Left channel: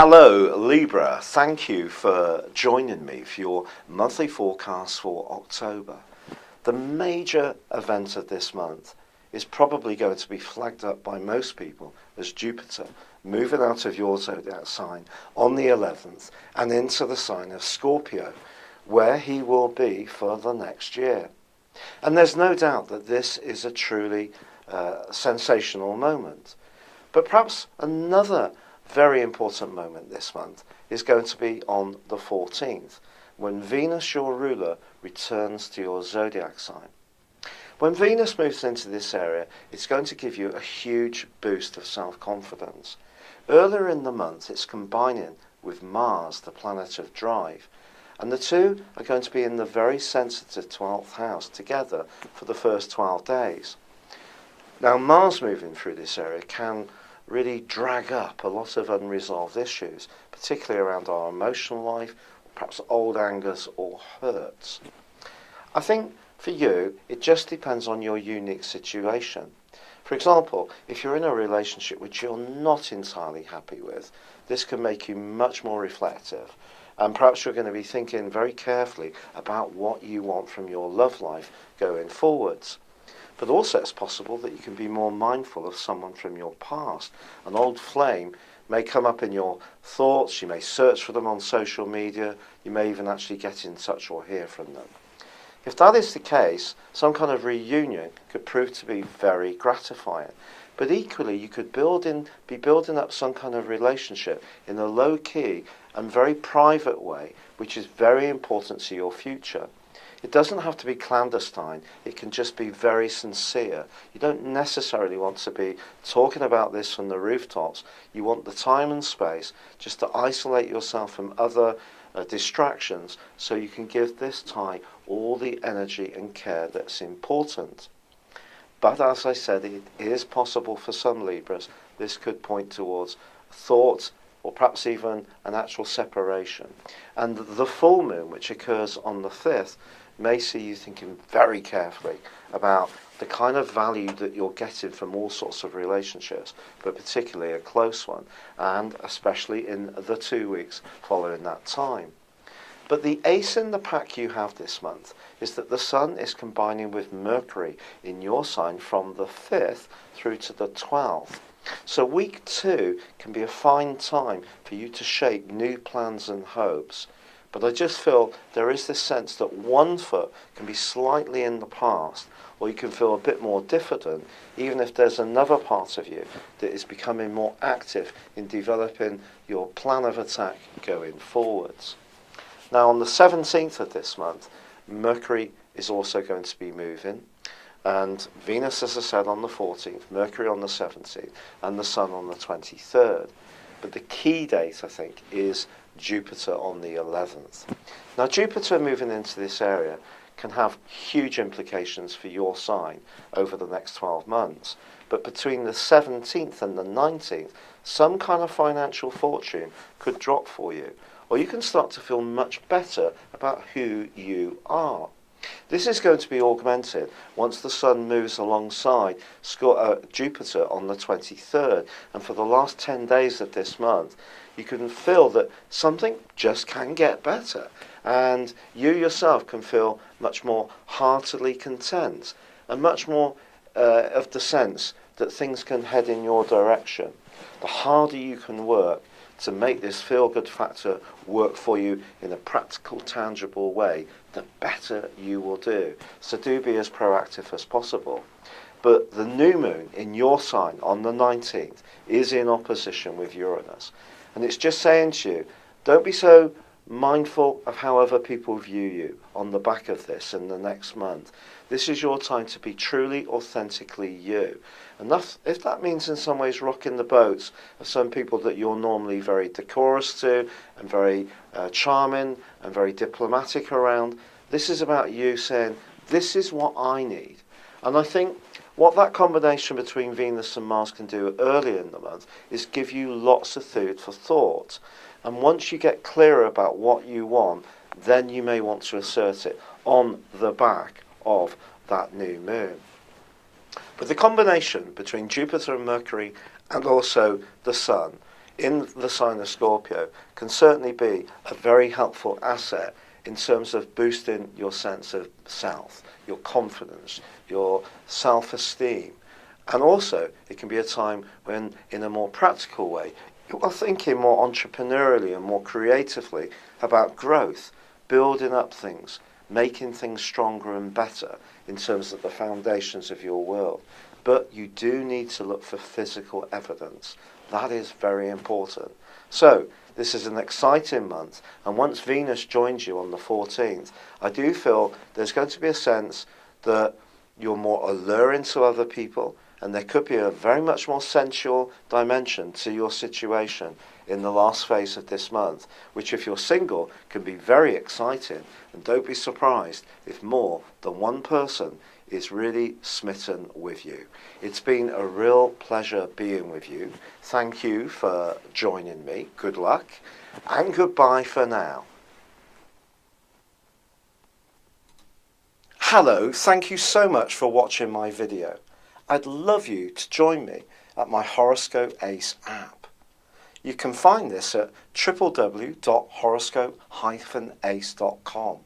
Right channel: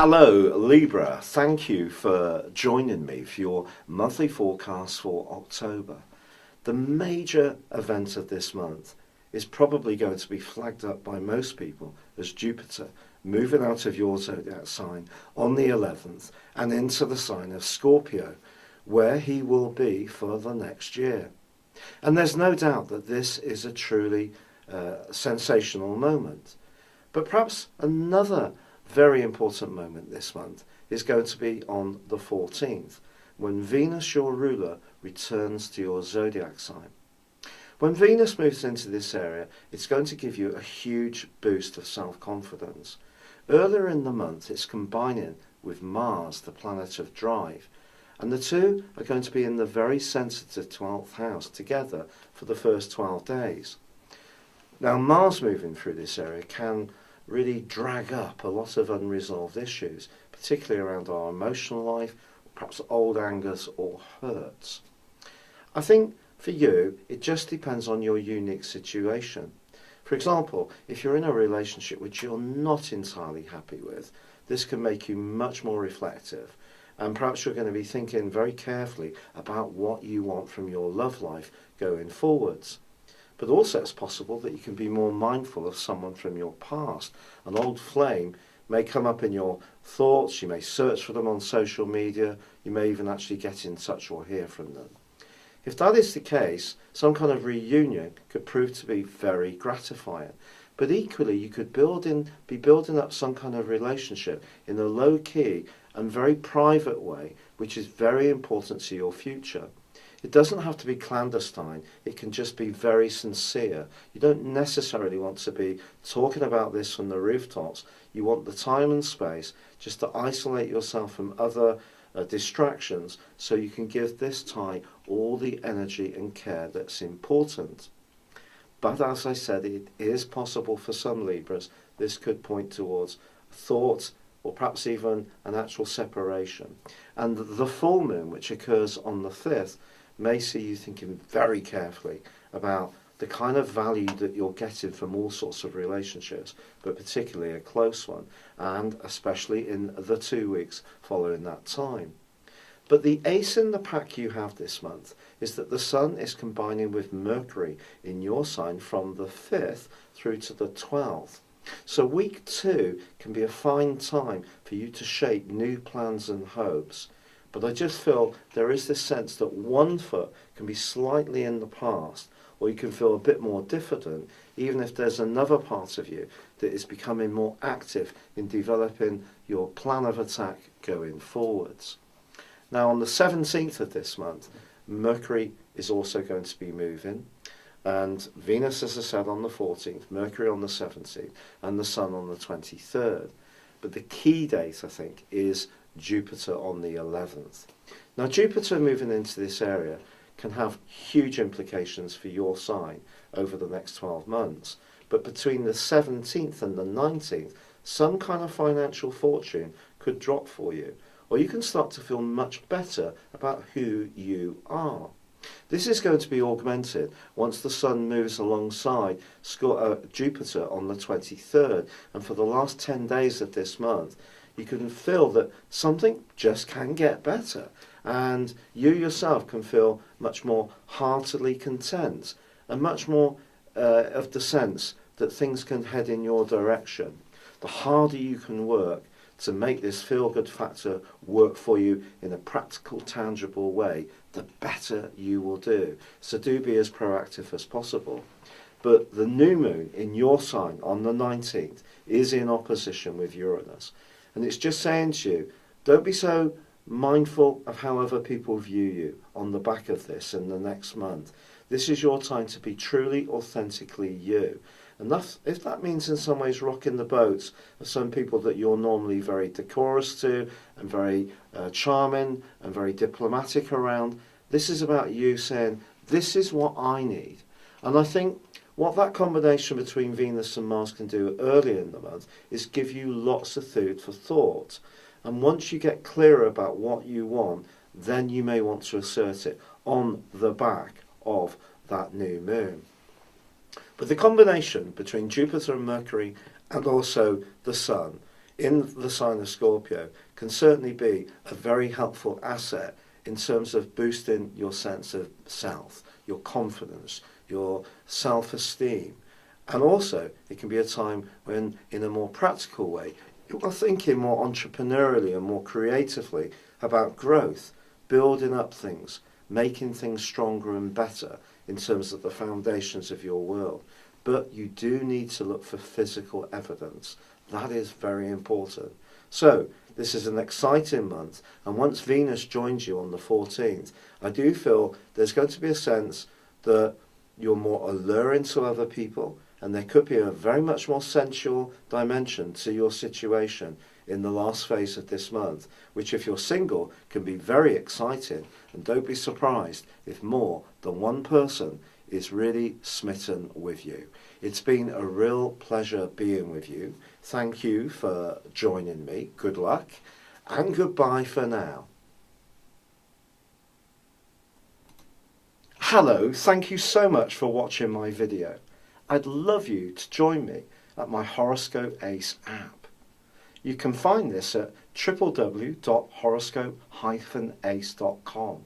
Hello Libra, thank you for joining me for your monthly forecast for October. The major event of this month is probably going to be flagged up by most people as Jupiter moving out of your zodiac sign on the 11th and into the sign of Scorpio, where he will be for the next year. And there's no doubt that this is a truly sensational moment. But perhaps another very important moment this month is going to be on the 14th, when Venus, your ruler, returns to your zodiac sign. When Venus moves into this area, it's going to give you a huge boost of self-confidence. Earlier in the month, it's combining with Mars, the planet of drive, and the two are going to be in the very sensitive 12th house together for the first 12 days. Now, Mars moving through this area can really drag up a lot of unresolved issues, particularly around our emotional life, perhaps old angers or hurts. I think for you, it just depends on your unique situation. For example, if you're in a relationship which you're not entirely happy with, this can make you much more reflective, and perhaps you're going to be thinking very carefully about what you want from your love life going forwards. But also it's possible that you can be more mindful of someone from your past. An old flame may come up in your thoughts, you may search for them on social media, you may even actually get in touch or hear from them. If that is the case, some kind of reunion could prove to be very gratifying. But equally, you could be building up some kind of relationship in a low-key and very private way, which is very important to your future. It doesn't have to be clandestine, it can just be very sincere. You don't necessarily want to be talking about this from the rooftops. You want the time and space just to isolate yourself from other distractions so you can give this tie all the energy and care that's important. But as I said, it is possible for some Libras this could point towards thought or perhaps even an actual separation. And the full moon, which occurs on the 5th, may see you thinking very carefully about the kind of value that you're getting from all sorts of relationships, but particularly a close one, and especially in the 2 weeks following that time. But the ace in the pack you have this month is that the Sun is combining with Mercury in your sign from the 5th through to the 12th. So week 2 can be a fine time for you to shape new plans and hopes. But I just feel there is this sense that one foot can be slightly in the past, or you can feel a bit more diffident, even if there's another part of you that is becoming more active in developing your plan of attack going forwards. Now, on the 17th of this month, Mercury is also going to be moving, and Venus, as I said, on the 14th, Mercury on the 17th, and the Sun on the 23rd. But the key date, I think, is Jupiter on the 11th. Now, Jupiter moving into this area can have huge implications for your sign over the next 12 months. But between the 17th and the 19th, some kind of financial fortune could drop for you, or you can start to feel much better about who you are. This is going to be augmented once the Sun moves alongside Jupiter on the 23rd, and for the last 10 days of this month, you can feel that something just can get better, and you yourself can feel much more heartily content, and much more of the sense that things can head in your direction. The harder you can work to make this feel-good factor work for you in a practical, tangible way, the better you will do. So do be as proactive as possible. But the new moon in your sign on the 19th is in opposition with Uranus. And it's just saying to you, don't be so mindful of how other people view you on the back of this in the next month. This is your time to be truly, authentically you. And if that means in some ways rocking the boats of some people that you're normally very decorous to and very charming and very diplomatic around, this is about you saying, this is what I need. And I think what that combination between Venus and Mars can do early in the month is give you lots of food for thought. And once you get clearer about what you want, then you may want to assert it on the back of that new moon. But the combination between Jupiter and Mercury and also the Sun in the sign of Scorpio can certainly be a very helpful asset in terms of boosting your sense of self, your confidence, your self-esteem. And also, it can be a time when, in a more practical way, you are thinking more entrepreneurially and more creatively about growth, building up things, making things stronger and better in terms of the foundations of your world. But you do need to look for physical evidence. That is very important. So, this is an exciting month, and once Venus joins you on the 14th, I do feel there's going to be a sense that you're more alluring to other people, and there could be a very much more sensual dimension to your situation in the last phase of this month, which if you're single can be very exciting, and don't be surprised if more than one person is really smitten with you. It's been a real pleasure being with you. Thank you for joining me. Good luck, and goodbye for now. Hello, thank you so much for watching my video. I'd love you to join me at my Horoscope Ace app. You can find this at www.horoscope-ace.com.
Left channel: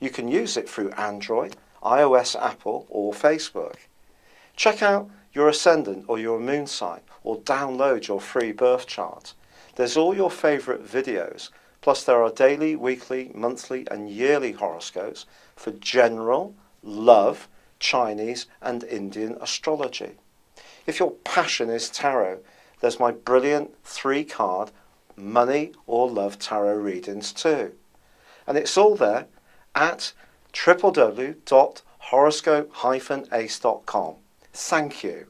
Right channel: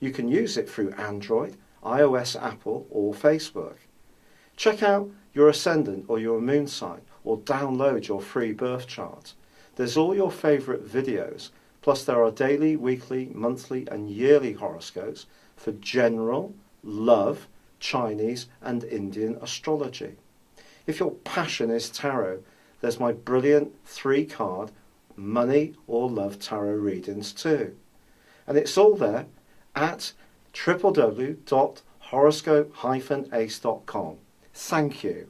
You can use it through Android, iOS, Apple, or Facebook. Check out your ascendant or your moon sign, or download your free birth chart. There's all your favourite videos, plus there are daily, weekly, monthly and yearly horoscopes for general, love, Chinese and Indian astrology. If your passion is tarot, there's my brilliant 3-card money or love tarot readings too. And it's all there at www.horoscope-ace.com. Thank you.